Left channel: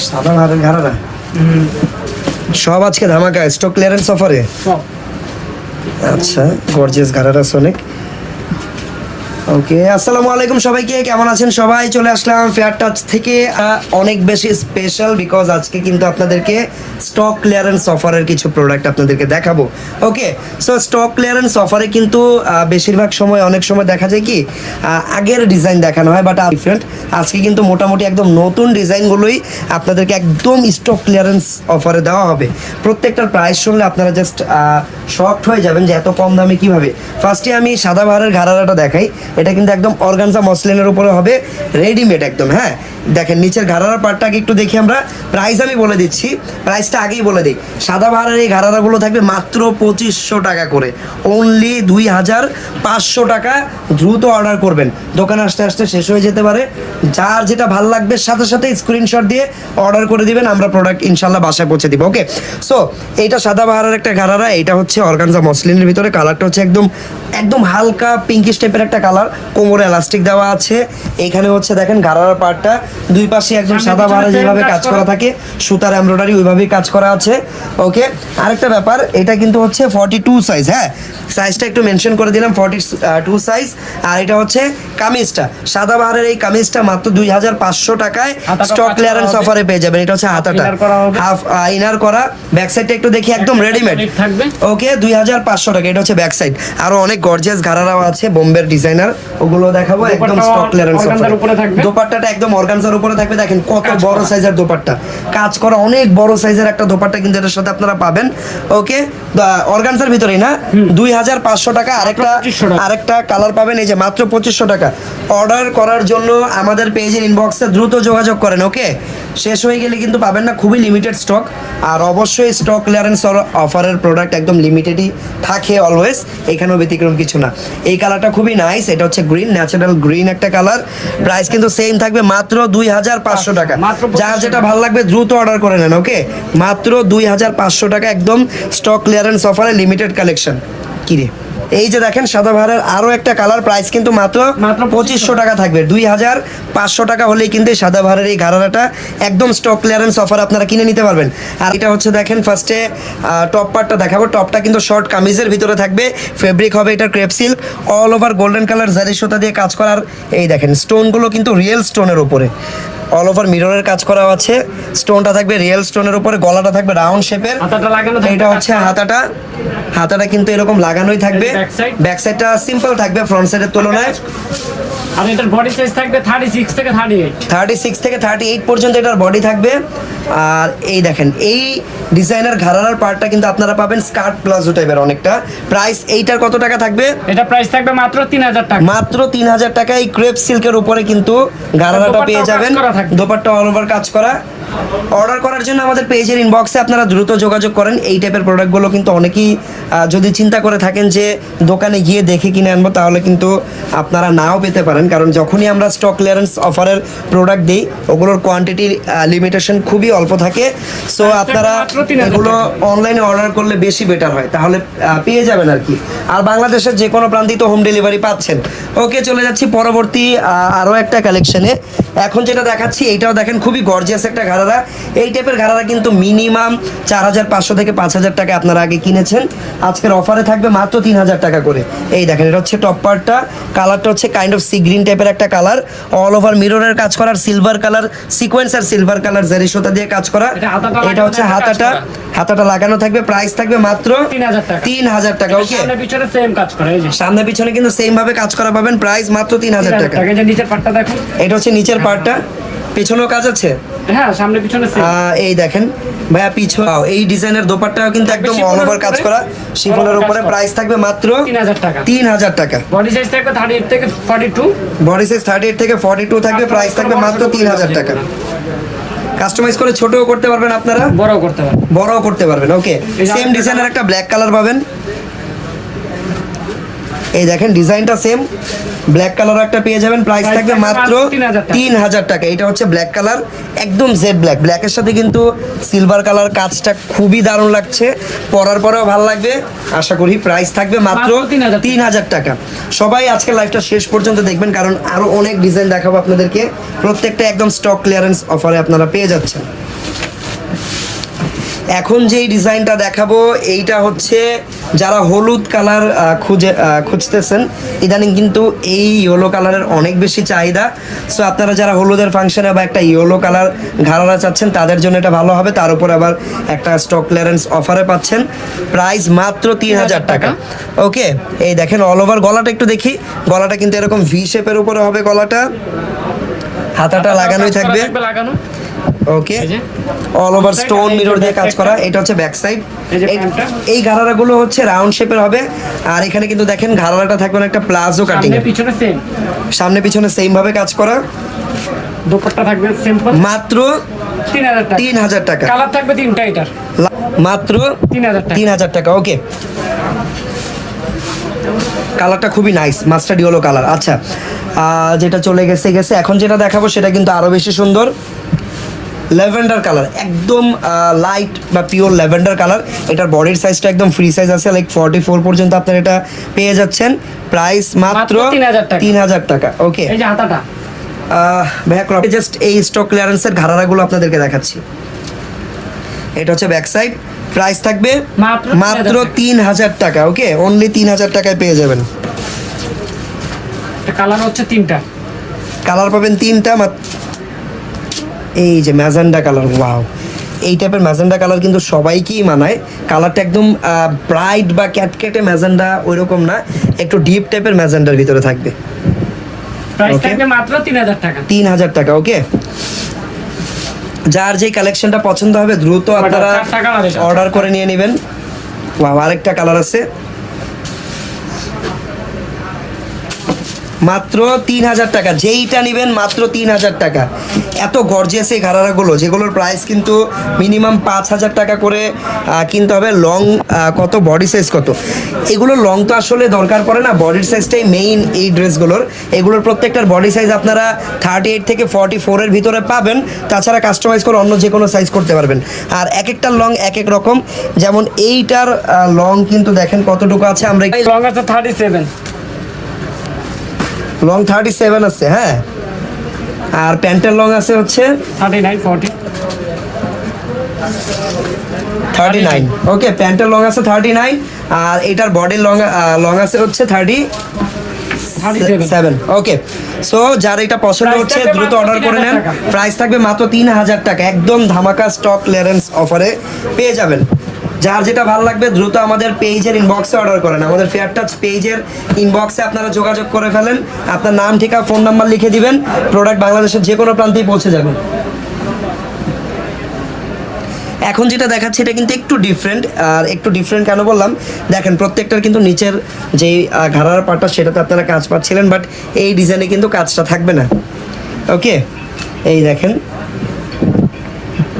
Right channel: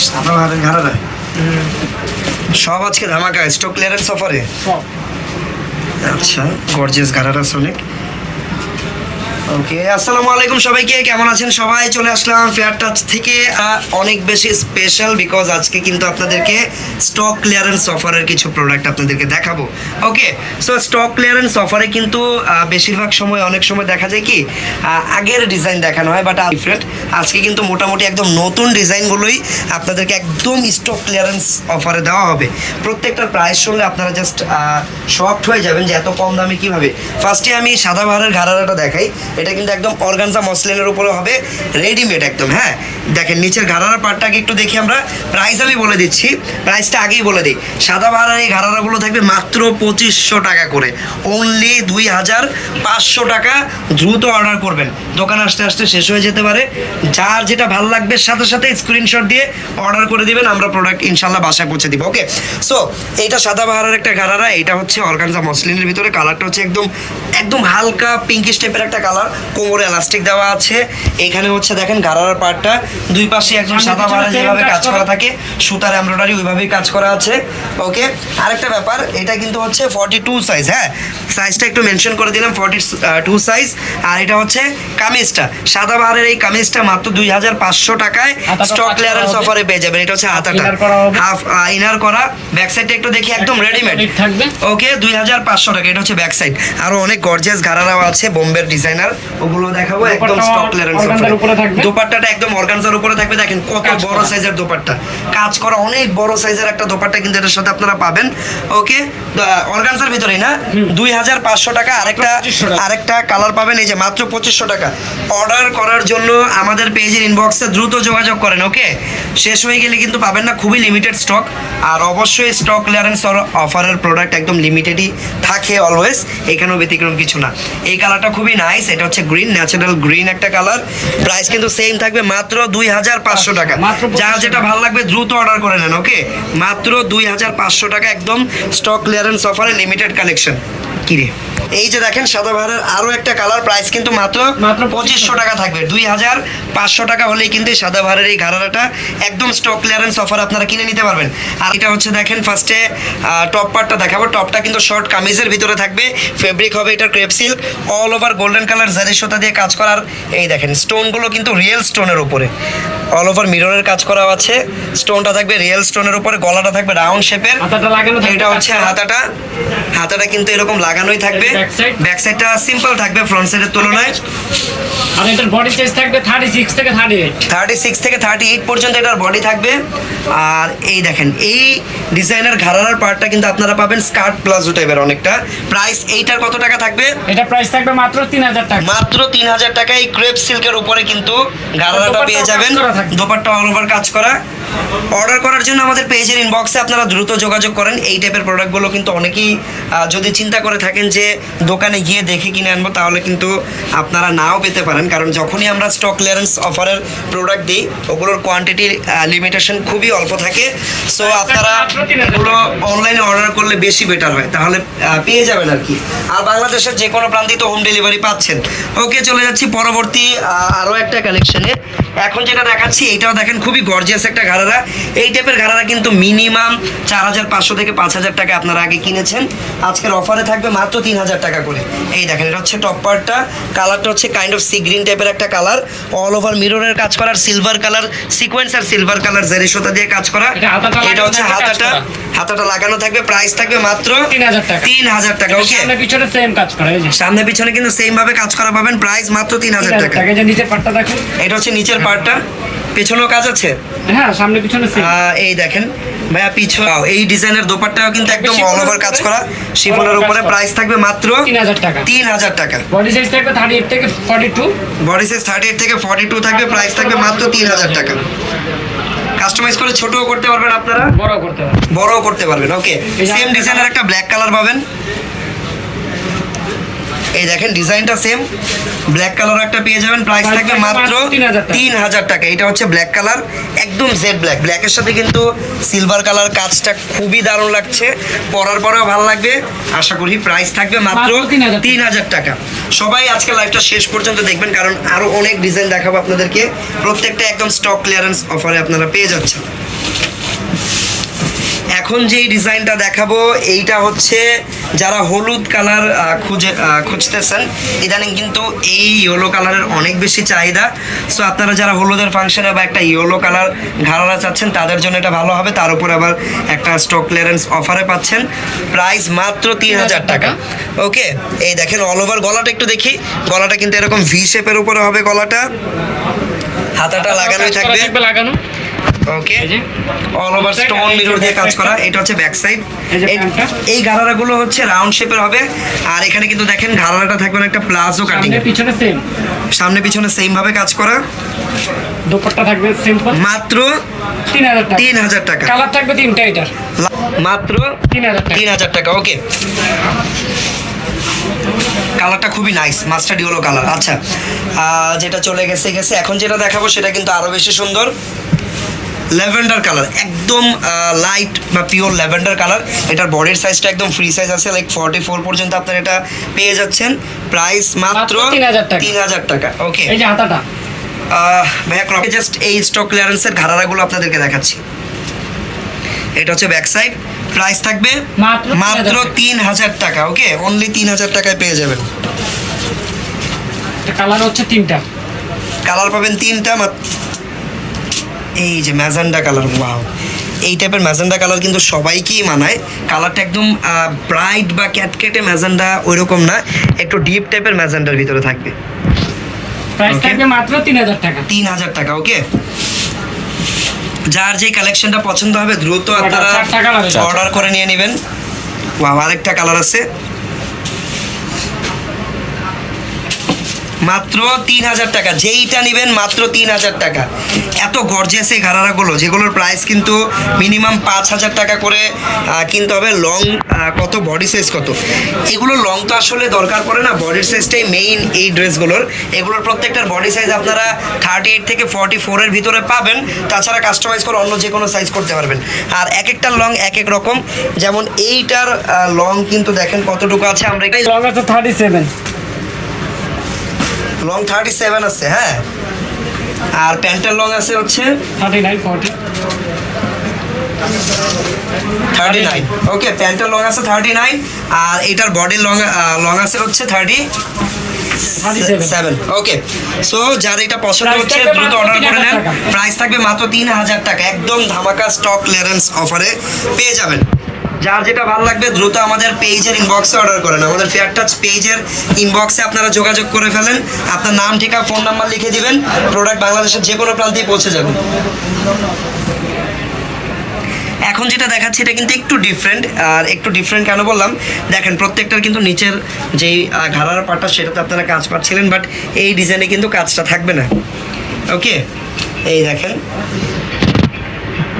সাদা ভারের ঘাড়ারা সব আজকে ধামাকা স্টক ক্লিয়ারেন্স অফারে আচ্ছা গর্জিয়াস ঘাড়ারা সোলেক ওকে, আসসালামু আলাইকুম সবাইকে, কেমন আছেন সবাই? চলে আসলাম ফেয়ার টাচ থেকে অনেক বেশি স্পেশাল বিকজ আজকে কিন্তু আপনাদেরকে স্টক ক্লিয়ারেন্স অফারের কিছু প্রোডাক্ট আপনাদেরকে দেখাবো। ওকে সো স্টক ক্লিয়ারেন্স অফারে কিন্তু বেশিরভাগ সময়, অনেক সময় দেখা যায় কি আগের ডিজাইন দেখানো হয় বাট ডিফারেন্ট আজকে কিন্তু মোটামুটি একদম নতুন ডিজাইনগুলোই আপনাদেরকে একদম স্টক ক্লিয়ারেন্স অফারে দেওয়া হবে। প্রত্যেকটার প্রাইস শুনলে আপনারা জাস্ট শকড হয়ে যাবেন যে এত কম দামে কীভাবে। ফার্স্টে আমি সাদা বাহারের ঘাড়াটা দেখাই। এটা কিন্তু একদম অর্গানজা মসলিনের উপরে হবে রেডিমেড একদম হ্যাঁ? দেখেন, নিচের ঘাড়ার পার্টটাকে একটু দেখি আমরা। প্রাইস আমি বলে দিচ্ছি প্রাইসটা আগেই বলে দিই। সাদা বাহারের এই ঘাড়ারাগুলো থাকবে মাত্র পঁচিশশো টাকা করে। অনলি দুই হাজার পাঁচশো টাকা দ্রুত অর্ডার করবেন। দোকান আসতে আসতে শেষ হয়ে যেতে পারে। যার যেটা ভালো লাগবে, সাথে সাথে স্ক্রিনশট দিয়ে অর্ডার করে দিবেন। আমরা প্রোডাক্ট ইনশাল্লাহ বাসায় পৌঁছে দিব ওকে সো এইটা সাদা বাহারের একটা ঘাড়ারা এটা হচ্ছে অর্গানজা মসলিনের ভিতরে। কালারটা হচ্ছে একদম একদম হালকা পিঙ্কিশ টাইপের একটা কালার কোমরে এলাস্টিক দেওয়া আছে। এখানে হচ্ছে দেখেন ঘাড়ার পার্টটা দুই পাশে একদম সাদা পিছনে বাহারে same যেভাবে কাজ করা। থাকে সুতার এমব্রয়ডারি ওইভাবেই কাজ করা আছে। ওকে আরেকটা ব্যাপার এটা কিন্তু হচ্ছে ফর্টি টু সাইজ হ্যাঁ? সাইজটা একটু মেনশন করে দিলাম ফর্টি টু সাইজ আর এটা হচ্ছে কামিজটা। সাদা বাহারের এই কামিজটা মাত্র দুই হাজার পাঁচশো টাকায় স্টক ক্লিয়ারেন্স অফারে পেয়ে যাবেন। এটা হচ্ছে হবে। হাফ ইনার করা। ব্যাক সাইডটা একটু দেখি একদম রেডিমেড থাকবে। ওকে দুই হাজার পাঁচশো টাকা এটা হচ্ছে ব্যাক সাইড আরও অনেক গর্জিয়াস ঘাড়ারাও আছে বোম্বের ডিজাইনার ওগুলো দেখাবো একদম স্টক ক্লিয়ারেন্স। দোপাট্টাটা একদম অর্গানজার উপরে থাকবে দেখেন কত বড় সাইজের দোপাট্টা। কাজ করা অনেক বড় সাইজের একটা দোপাট্টা কিন্তু এটার সাথে আপনারা পাবেন। ওকে অর্গানজার ভিতরেই না? দুই হাজার পাঁচশো টাকা আরেকটা আরেকটা কালার পাবেন এই যে মাত্র পঁচিশশো টাকা। অর্ডার করার জন্য আমাদের পেজের ইনবক্সে দ্রুত যোগাযোগ করেন ওকে শেষ হয়ে গেলে কিন্তু পাবেন না খুবই লিমিটেড স্টক আর অবশ্যই স্টক ক্লিয়ারেন্স অফারের প্রোডাক্ট একদম লিমিটেডই থাকে অলওয়েজ এখানেও ব্যতিক্রম কিছু না। এই কালারটা খুবই নাইস এটা হচ্ছে গ্রিন ন্যাচারাল গ্রিন একটা কালার প্রাইস কিন্তু সেম থাকবে মাত্র দুই হাজার পাঁচশো টাকা। যা যার যেটা ভালো লাগবে দ্রুত অর্ডার করে নেন ওকে মাত্র দুই হাজার পাঁচশো টাকা একদম স্টক ক্লিয়ারেন্স অফারে লিমিটেড কালেকশন কিরে এই যে দেখেন সাদা ভাড়ার আরও একটা কালার প্রাইস কিন্তু মাত্র মাত্র পঁচিশশো টাকা থাকবে। দুই হাজার পাঁচশো টাকা হলেই কিন্তু এই সাদা ভাড়ার এই ঘাড়াটা একদম স্টক ক্লিয়ারেন্স অফার আপনারা কিনে নিতে পারবেন। আর এটা হচ্ছে দেখেন ফার্স্টে টপ পার্টটা দেখাবো। টপটা কিন্তু শর্ট কামিজের ভিতরে থাকবে। ফেব্রিক হবে এটা crepe silk all over golden colour zari সুতা দিয়ে কাজ করার এই দেখেন স্টোনগুলো কিন্তু রিয়েল স্টোনের উপরে। অল ওভার মিররের কাজ করা আছে। স্টোনটা থাকবে রিয়েল স্টোনের উপরে গলাটা থাকবে রাউন্ড শেপের হাতাটা লাগানো থাকবে, এটা হচ্ছে হাতাটা। হাতাটা কিন্তু এরকম লাগানোই থাকবে? ব্যাক সাইডটা সিম্পল থাকবে ফ্রন্ট সাইডের তুলনায়। আর এটার বডি সাইজ থাকবে থার্টি সিক্স থেকে থার্টি এইট থার্টি সিক্স থেকে থার্টি এইট পর্যন্ত এটার বডি থাকবে। আর এই দেখেন এই ডিজাইনার ঘাড়ার পার্টটা কিন্তু আপনারা পাবেন স্কার্ট প্লাজো টাইপের অনেকটা। প্রাইস এইটার কত টাকা থাকবে? এটা প্রাইস থাকবে মাত্র তিন হাজার টাকা। মাত্র তিন হাজার টাকা এই ক্রেপ সিল্কের উপরে কিন্তু ঘাড়াটা পেয়ে যাবেন। দোপাট্টা অল ওভার কাজ করা। অর্ডার করার জন্য আমাদের পেজের ইনবক্সে আপনারা দ্রুত যোগাযোগ করেন। এই টাইপের প্রোডাক্টগুলো কিন্তু অনেকেই যদি চিন্তা করে থাকেন যে দোকানে গিয়ে দেখে কিনে আনব তাহলে কিন্তু আপনারা নাও পেতে পারেন। কারণ যখনই আমরা স্টক ক্লিয়ারেন্স অফারের প্রোডাক্ট দিই ওগুলোর কোয়ান্টিটির লিমিটেশন খুবই অল্প থাকে। সো আপনারা মাত্র 3000 এগুলো অনলাইনে অর্ডার করলে বেশি বেটার হয়। তাহলে পেয়ে যাবেন আর কি। আর বাংলাদেশের যে কোনো প্রান্তিত হোম ডেলিভারি পাচ্ছেন। ওকে চলে যাচ্ছি পরবর্তী আরও একটা কালেকশনে এখন যেটা দেখাচ্ছি এইটাও দেখেন খুবই গর্জিয়াস একটা ঘাড়ারা। এই টাইপের ঘাড়ারা কিন্তু মিনিমাম চার হাজার পাঁচশো থেকে পাঁচ হাজার টাকা আপনারা আগে কিনেছেন। আজকের অফারে থাকবে মাত্র তিন হাজার টাকা করে। এই দেখেন এটা হচ্ছে টপ পার্টটা কালারটা হচ্ছে কাইন্ড অফ সি গ্রিন টাইপের একটা কালার অল ওভার মিররের কাজ করার সিলভার কালার সিকোয়েন্স আর সিলভার কালার জারি সুতা দিয়ে কাজ করা। এটা হচ্ছে হাতাটা। হাতাটা লাগানো থাকবে প্রাইস থাকবে মাত্র 3000 টাকা। তিন হাজার টাকা ওকে সামনে পিছনে সেম কাজ করে এই যে। সামনে পিছনে কিন্তু সেম ভাবে কাজ করা পাবেন প্রাইস মাত্র তিন হাজার টাকা। এটা হচ্ছে নিচের পার্টটা পেছনেও কাজ আছে? হ্যাঁ সামনে পিছনে এই দেখেন। ভাইয়া পিছু এই ডিজাইনের দোপাট্টাও কিন্তু একদম অল ওভার কাজ করা। শিফনের উপরে প্রাইস থাকবে মাত্র 3000 টাকা। তিন হাজার টাকা। বডি সাইজ থাকবে থার্টি এইট থেকে forty two body size thirty eight থেকে ফর্টি টু থাকবে প্রাইস থাকবে মাত্র তিন হাজার টাকা। কাস্টমাইজ করে ছোটও করতে পারবেন আপনারা। বড়ও করতে পারবে বড়ও করতে পারবেন ওকে সেম ডিজাইনের একটা ব্ল্যাক কালার পাবেন। এই দেখেন ডিজাইনটা সেম ব্ল্যাক কালার একটা পেয়ে যাবেন। প্রাইস থাকবে মাত্র মাত্র 3,000 টাকা। তিন হাজার টাকা। এটা হচ্ছে ব্ল্যাক কালার একদম জেড ব্ল্যাক ব্ল্যাকের সাথে কিন্তু সিলভার কালার কাজটা খুবই দারুণ লাগছে। পরার পরেও ভালো লাগবে। আশা করি প্রাইস থাকবে মাত্র মাত্র 3,000 তিন হাজার টাকা। সবাই আজকে লাইভটা শেষ পর্যন্ত দেখবেন কারণ আরও অনেক ডিজাইন দেখাবো আপনাদেরকে। প্রত্যেকটা একদম স্টক ক্লিয়ারেন্স অফারে আপনারা পেয়ে যাচ্ছেন। এখন যেই ডিজাইনটা দেখাবো এইটা হচ্ছে যারা হলুদ কালার খুঁজে খুঁজতেছেন ইদানিং কিন্তু এই ইয়েলো কালারের অনেক বেশি চাহিদা। সো আপনারা যারা হলুদের ফাংশনে বা একটা ইয়েলো কালার ঘাড়ারা চাচ্ছেন তাদের জন্য এটা ভালো হবে। তার উপর আবার একটা স্টক ক্লিয়ারেন্স অফারে পাচ্ছেন। প্রাইস মাত্র তিন হাজার টাকা। ওকে এই দেখেন অল ওভার গলাটা একটু দেখি। গলাটা কিন্তু এরকম ভি শেপের উপরে হবে গলাটা। হাতাটা লাগানোই থাকবে লাগানো। Okay all over stone mirror দিয়ে কাজ করা এটা হচ্ছে ব্যাক সাইড এই। এই গারারাগুলো হচ্ছে রাউন্ড শেপের হবে। আর এখানে কিন্তু দেখেন গারারাটা থাকবে না একটা প্লাজো কাটিং পিছনে সেম সামনে পিছনে সেম ভাবে কাজ করা। দোপাট্টা থাকবে সিম্পল মাত্র তিন হাজার টাকা। কালার থাকবে তিনটা এটার। মাত্র তিন হাজার টাকা। ওকে কালারটা খুবই নাইস মাস্টার্ড ইয়েলো কালার আচ্ছা যেটা চলে গেছে গেছে। এখন যেটা দেখাবো সেটা কিন্তু আরও বেশি সুন্দর। ল্যাভেন্ডার কালার একদম লাইট বা পিওর ল্যাভেন্ডার কালার। এটার বডির সাইজটা একদম ফ্রি সাইজ আছে লাইক ফর্টি ফোর পর্যন্ত আপনারা এটা পেয়ে যাচ্ছেন। প্রাইস মাত্র মাত্র 3,000 টাকা। তিন হাজার টাকা ওকে ব্যাক জাস্ট এই স্টক ক্লিয়ারেন্সের ঘাড়ারাগুলো আপনাদেরকে দেখাচ্ছি। এটা হচ্ছে ব্যাক সাইড প্রাইস থাকবে মাত্র মাত্র 3,000 তিন হাজার টাকা ওকে অনলি তিন হাজার টাকায় পেয়ে যাবেন। কালার হচ্ছে তিনটা। কালার পাবেন তিনটা এই যে ম্যাজেন্ডা কালার ওয়াও। এই টাইপের ম্যাজেন্ডা কালার কিন্তু সবাইকেই মানায়। কালারটা একদম ব্রাইট বা ক্যাটকেটে ম্যাজেন্ডা ওইরকম না একটু ডিপ টাইপের ম্যাজেন্ডার ভিতরে থাকবে। মাত্র তিন হাজার টাকা। তিন হাজার টাকা ওকে যার যে কালেকশনটা পছন্দ হবে দ্রুত আপনারা। অর্ডার করে নিয়ে নেবেন। আরেকটা কালার আছে। মাত্র তিন হাজার টাকা। যেইটা নেবেন মাত্র তিন হাজার টাকা। এত গর্জিয়াস এই ঘাড়ারাগুলো, যেগুলোর প্রাইস কিন্তু মিনিমাম পাঁচ হাজার টাকা করে কিনতে হবে। লং কত? বডি সাইজ কত? এগুলো লং তো আসলে দরকার পড়ে না। বডির সাইজটাই মেইন এই ড্রেসগুলোর। এগুলোর প্রত্যেকটার বডি সাইজ আপনারা থার্টি এইট থেকে ফর্টি ফোরের ভিতরে পাবেন। তাছাড়া কাস্টমাইজ করে অন্য যে কোনো সাইজ করতে পারবেন। আর এক একটা লং এক এক রকম। যেমন এইটার লং কিন্তু দেখেন কতটুকু আছে। আমরা লং আছে thirty seven long thirty seven আছে হ্যাঁ? আর প্যান্টের লং আছে হচ্ছে thirty nine forty thirty nine okay প্যান্টের লং আছে থার্টি নাইন আর এটার বডির লং লং আছে হচ্ছে থার্টি সেভেন ওকে সো যার এটা পছন্দ হচ্ছে দ্রুত অর্ডার করে নেন। প্রাইস থাকবে মাত্র তিন হাজার টাকা। একদম ধামাকা স্টক ক্লিয়ারেন্স অফারে পেয়ে যাবেন। যার যেটা ভালো লাগবে দ্রুত আমাদের পেজের ইনবক্সে অর্ডার করেন। আমাদের ফেয়ার টাচ পেজের ইনবক্সে আপনারা যোগাযোগ করে ফেলেন। আপনার নাম ঠিকা ফোন নাম্বার লিখে দিবেন। প্রোডাক্ট বাংলাদেশের যে কোনো প্রান্তেই পৌঁছে যাবে। এখন যেটা দেখাচ্ছে, এটা কিন্তু একটু ডিফারেন্ট আর একটু ডিফারেন্ট কেন বললাম? দেখেন, প্রত্যেকটার কিন্তু নিচের যেই ঘাড়ার পাটটা সেটাতে আপনারা কাজ পাচ্ছিলেন বাট এই ডিজাইনে কিন্তু কাজটা থাকবে না। ওকে এই দেখেন।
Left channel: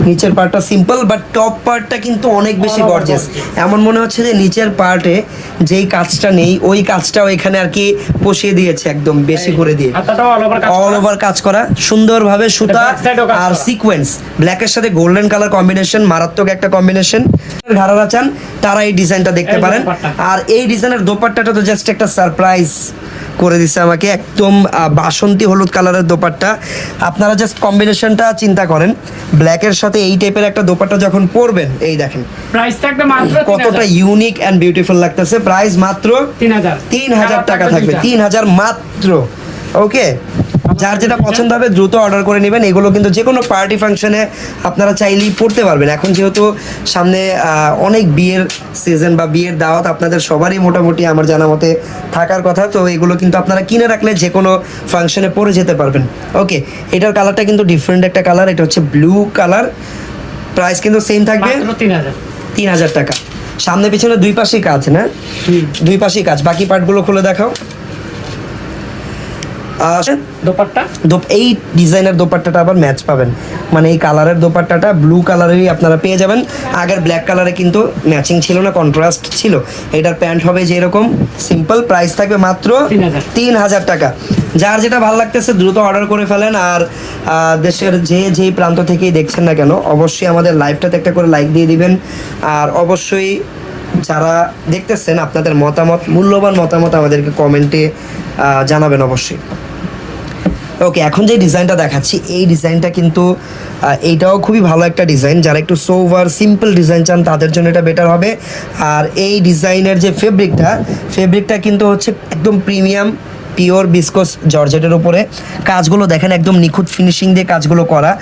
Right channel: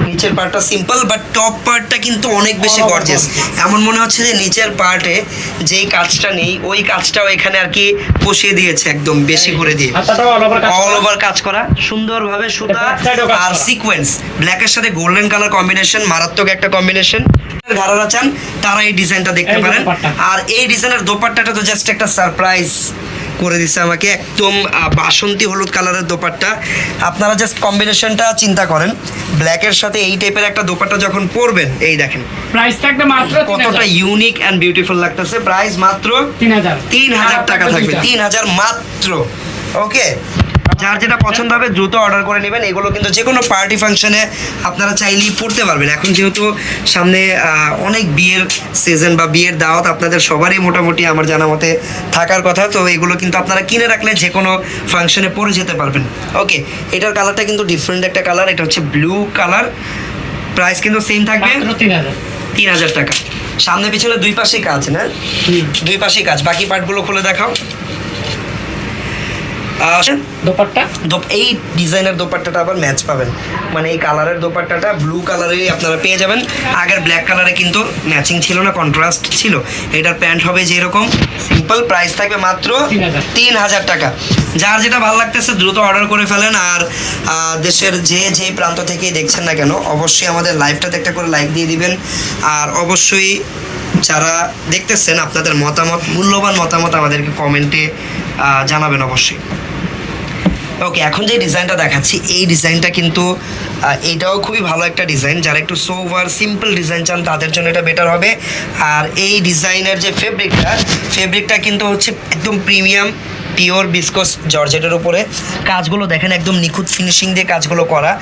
নিচের পার্টটা সিম্পল বাট টপ পার্টটা কিন্তু অনেক বেশি গর্জেস এমন মনে হচ্ছে যে নিচের পার্টে যেই কাজটা নেই ওই কাজটাও এখানে আর কি বসিয়ে দিয়েছে একদম বেশি করে দিয়ে। অল ওভার কাজ করা। সুন্দরভাবে সুতা আর। সিকোয়েন্স ব্ল্যাকের সাথে গোল্ডেন কালার কম্বিনেশন মারাত্মক একটা কম্বিনেশন ঘাড়ারা চান তারা এই ডিজাইনটা দেখতে পারেন। আর এই ডিজাইনের দোপাট্টাটা তো জাস্ট একটা সারপ্রাইজ করে দিছে আমাকে একদম বাসন্তী হলুদ কালারের দোপাট্টা। আপনারা জাস্ট কম্বিনেশনটা চিন্তা করেন। ব্ল্যাকের সাথে এই টাইপের একটা দোপাট্টা যখন পরবেন এই দেখেন। প্রাইস থাকবে মাত্র কতটা ইউনিক অ্যান্ড বিউটিফুল লাগতেছে। প্রাইস মাত্র তিন হাজার। তিন হাজার টাকা থাকবে। তিন হাজার মাত্র। ওকে যার যেটা পছন্দ হবে দ্রুত অর্ডার করে নেবেন। এগুলো কিন্তু যে কোনো পার্টি ফাংশনে আপনারা চাইলেই পড়তে পারবেন। এখন যেহেতু সামনে অনেক বিয়ের সিজন বা বিয়ের দাওয়াত আপনাদের সবারই মোটামুটি আমার জানা মতে থাকার কথা তো এগুলো কিন্তু আপনারা কিনে রাখলে যে কোনো ফাংশনে পরে যেতে পারবেন। ওকে এটার কালারটা কিন্তু ডিফারেন্ট একটা কালার এটা হচ্ছে ব্লু কালার প্রাইস কিন্তু সেম থাকবে। তিন হাজার। টাকা। সামনে পিছনে দুই পাশেই কাজ না? দুই পাশেই কাজ। বাকি পার্টগুলো খুলে দেখাও। দোপাট্টা? দোপ- এই ডিজাইনের দোপাট্টাটা আবার ম্যাচ পাবেন। মানে এই কালারের দোপাট্টাটা ব্লু কালারেরই আপনারা পেয়ে যাবেন। আগের ব্ল্যাক কালারে কিন্তু ম্যাচিং ছিল না কন্ট্রাস্ট ছিল। এটার প্যান্ট হবে যেরকম সিম্পল প্রাইস থাকবে মাত্র তিন হাজার। টাকা। যার যেটা ভালো লাগতেছে দ্রুত অর্ডার করে ফেলেন। আর দেশের যে যে প্রান্ত থেকেই দেখছেন না কেন অবশ্যই আমাদের লাইভটাতে একটা করে লাইক দিয়ে দিবেন। আর অবশ্যই যারা দেখতেছেন আপনাদের মতামত মূল্যবান মতামত আমাদেরকে কমেন্টে জানাবেন অবশ্যই। ওকে এখন যে ডিজাইনটা দেখাচ্ছি এই ডিজাইনটা কিন্তু এইটাও খুবই ভালো একটা ডিজাইন। যারা একটু সোভার সিম্পল ডিজাইন চান তাদের জন্য এটা বেটার হবে। আর এই ডিজাইনের যে ফেব্রিকটা ফেব্রিকটা কিন্তু হচ্ছে একদম প্রিমিয়াম পিওর বিসকস জর্জেটের উপরে। কাজগুলো দেখেন একদম নিখুঁত ফিনিশিং দিয়ে কাজগুলো করা।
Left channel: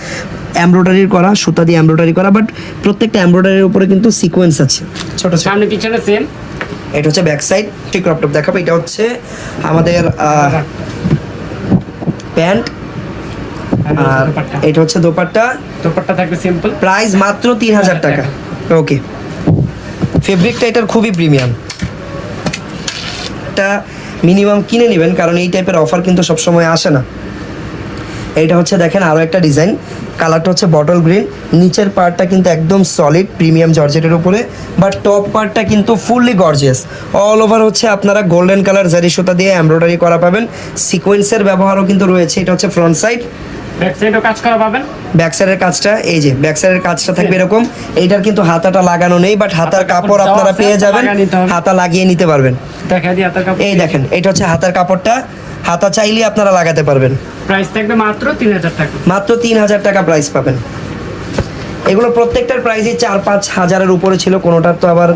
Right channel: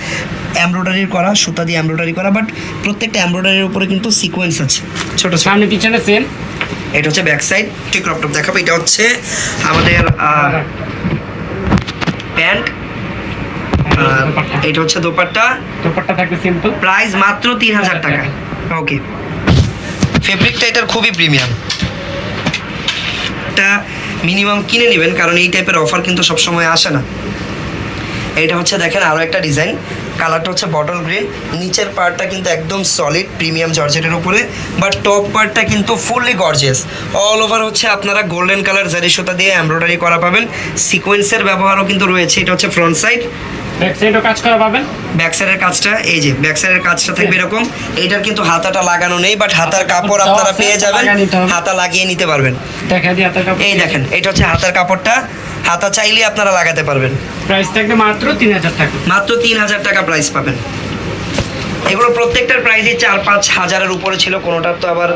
এমব্রয়ডারি করা সুতা দিয়ে এমব্রয়ডারি করা বাট প্রত্যেকটা এমব্রয়ডারির উপরে কিন্তু সিকোয়েন্স আছে। ছোট সামনে পিছনে সেম এটা হচ্ছে ব্যাক সাইড ঠিক দেখাবো। এটা হচ্ছে আমাদের প্যান্ট। আর এটা হচ্ছে দোপাট্টা। দোপাট্টা থাকবে সিম্পল প্রাইস মাত্র তিন হাজার টাকা। ওকে ফেব্রিকটা এটার খুবই প্রিমিয়াম এটা মিনিমাম কিনে নেবেন কারণ এই টাইপের অফার কিন্তু সবসময় আসে না। এটা হচ্ছে দেখেন আরও একটা ডিজাইন কালারটা হচ্ছে বটল গ্রিন। নিচের পার্টটা কিন্তু একদম সলিড প্রিমিয়াম জর্জেটের উপরে। বাট টপ পার্টটা কিন্তু ফুললি গর্জিয়াস অল ওভার হচ্ছে আপনারা গোল্ডেন কালার জারি সুতা দিয়ে এমব্রয়ডারি করা পাবেন। সিকোয়েন্সের ব্যবহারও কিন্তু রয়েছে। এটা হচ্ছে ফ্রন্ট সাইড ব্যাক সাইডও কাজ করা পাবেন? ব্যাক সাইডের কাজটা এই যে ব্যাক সাইডের কাজটা থাকবে এরকম। এইটার কিন্তু হাতাটা লাগানো নেই বাট হাতার কাপড় আপনারা পেয়ে যাবেন। হাতা লাগিয়ে নিতে পারবেন। এই দেখেন এটা হচ্ছে হাতার কাপড়টা। হাতা চাইলে আপনারা লাগাতে পারবেন। প্রাইস থাকবে মাত্র তিন হাজার টাকা। মাত্র তিন হাজার টাকা প্রাইস পাবেন। এগুলো প্রত্যেকটার প্রাইসই চার পাঁচ হাজারের উপরে ছিল কোনোটার তো আবার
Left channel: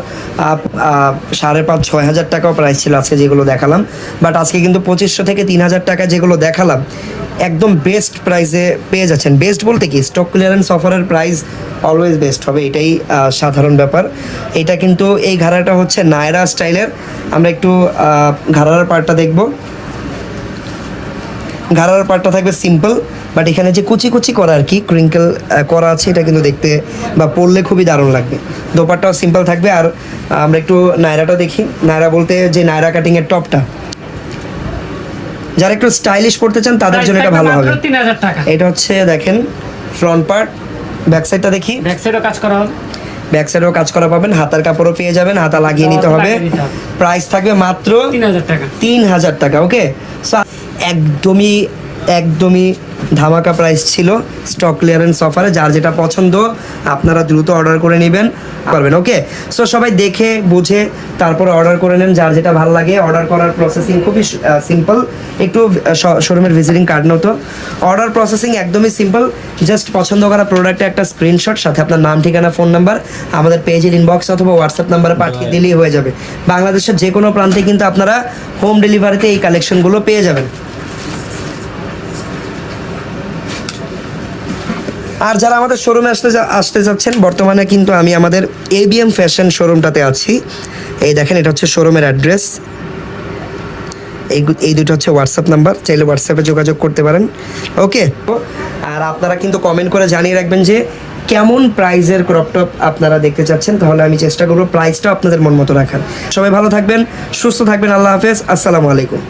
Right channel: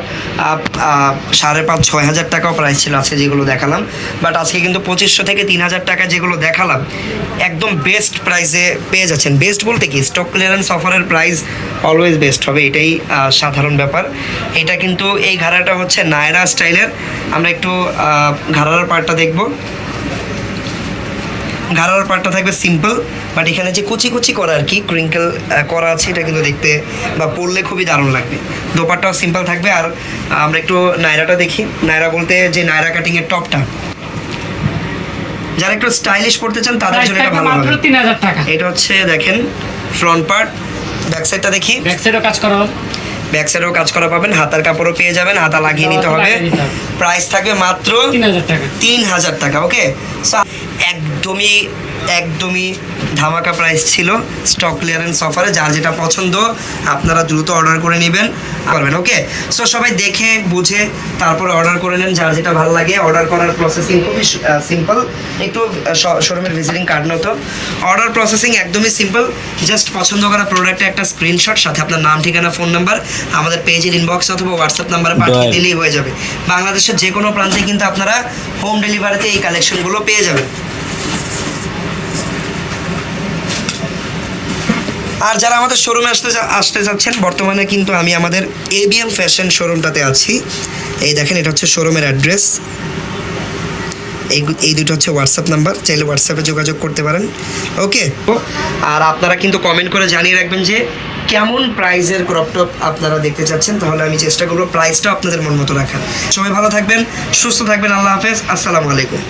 সাড়ে পাঁচ ছয় হাজার টাকাও প্রাইস ছিল আজকে যেগুলো দেখালাম। বাট আজকে কিন্তু পঁচিশশো থেকে তিন হাজার টাকা যেগুলো দেখালাম একদম বেস্ট প্রাইসে পেয়ে যাচ্ছেন। বেস্ট বলতে কি? স্টক ক্লিয়ারেন্স অফারের প্রাইস অলওয়েজ বেস্ট হবে এটাই সাধারণ ব্যাপার। এটা কিন্তু এই ঘাড়াটা হচ্ছে নায়রা স্টাইলের। আমরা একটু ঘাড়ার পার্টটা দেখব। ঘাড়ার পার্টটা থাকবে সিম্পল বাট এখানে যে কুচি কুচি করা আর কি ক্রিঙ্কেল করা আছে এটা কিন্তু দেখতে বা পরলে খুবই দারুণ লাগবে। দোপারটাও সিম্পল থাকবে আর আমরা একটু নায়রাটা দেখি। নায়রা বলতে যে নায়রা কাটিংয়ের টপটা যারা একটু স্টাইলিশ পড়তে চান তাদের জন্য এটা ভালো হবে। এটা হচ্ছে দেখেন ফ্রন্ট পার্ট ব্যাক সাইডটা দেখি। ব্যাক সাইডও কাজ করা হবে। ব্যাক সাইডেও কাজ করা পাবেন হাতার কাপড়ও পেয়ে যাবেন হাতা লাগিয়ে নিতে হবে। লাগিয়ে নিতে হবে। প্রাইস থাকবে মাত্র তিন হাজার টাকা। তিন হাজার টাকা ওকে একদমই একদমই ধামাকা প্রাইস ছিল স্টক ক্লিয়ারেন্স অফারে যার যেটা পছন্দ আপনারা দ্রুত অর্ডার করে নেবেন করবেন ওকে সো সবাই দেখে বুঝে তারপরে অর্ডার করে নেন যার যেটা ভালো লাগে। অর্ডার করার প্রসেসিং খুবই সিম্পল একটু শোরুমের ভিজিটিং কার্ড নতো অর্ডার প্রসেসিং একদমই সিম্পল জাস্ট পছন্দ করা প্রোডাক্টে একটা স্ক্রিনশট সাথে আপনার নাম ঠিকানা ফোন নাম্বার আমাদের পেজের ইনবক্স অথবা হোয়াটসঅ্যাপ নাম্বারে পাঠিয়ে দিলেই হয়ে যাবে। বাংলাদেশের যে কোনো প্রান্তে কিন্তু আপনারা হোম ডেলিভারিতে এই কালেকশনগুলো পেয়ে যাবেন। আর যারা আমাদের শোরুমে আসতে আসতে যাচ্ছেন, বর্তমানে কিন্তু আমি আমাদের এবিএম ফ্যাশন শোরুমটাতে আছি। এই দেখেন, এটা হচ্ছে শোরুমের অ্যাড্রেস এই এই দুটো হচ্ছে হোয়াটসঅ্যাপ নাম্বার চাইলে হোয়াটসঅ্যাপে যোগাযোগ করতে পারেন। ওকে আর আপনারা কিন্তু কমেন্ট করে জানিয়ে রাখবেন যে, কেমন প্রাইজের ক্রপ টপ আপনারা দেখতে চাচ্ছেন, তাহলে আমি চেষ্টা করব প্রাইসটা আপনাদের মন মতো রাখার। সবাই ভালো থাকবেন, সুস্থ থাকবেন, আল্লাহ হাফেজ, আসসালামু আলাইকুম।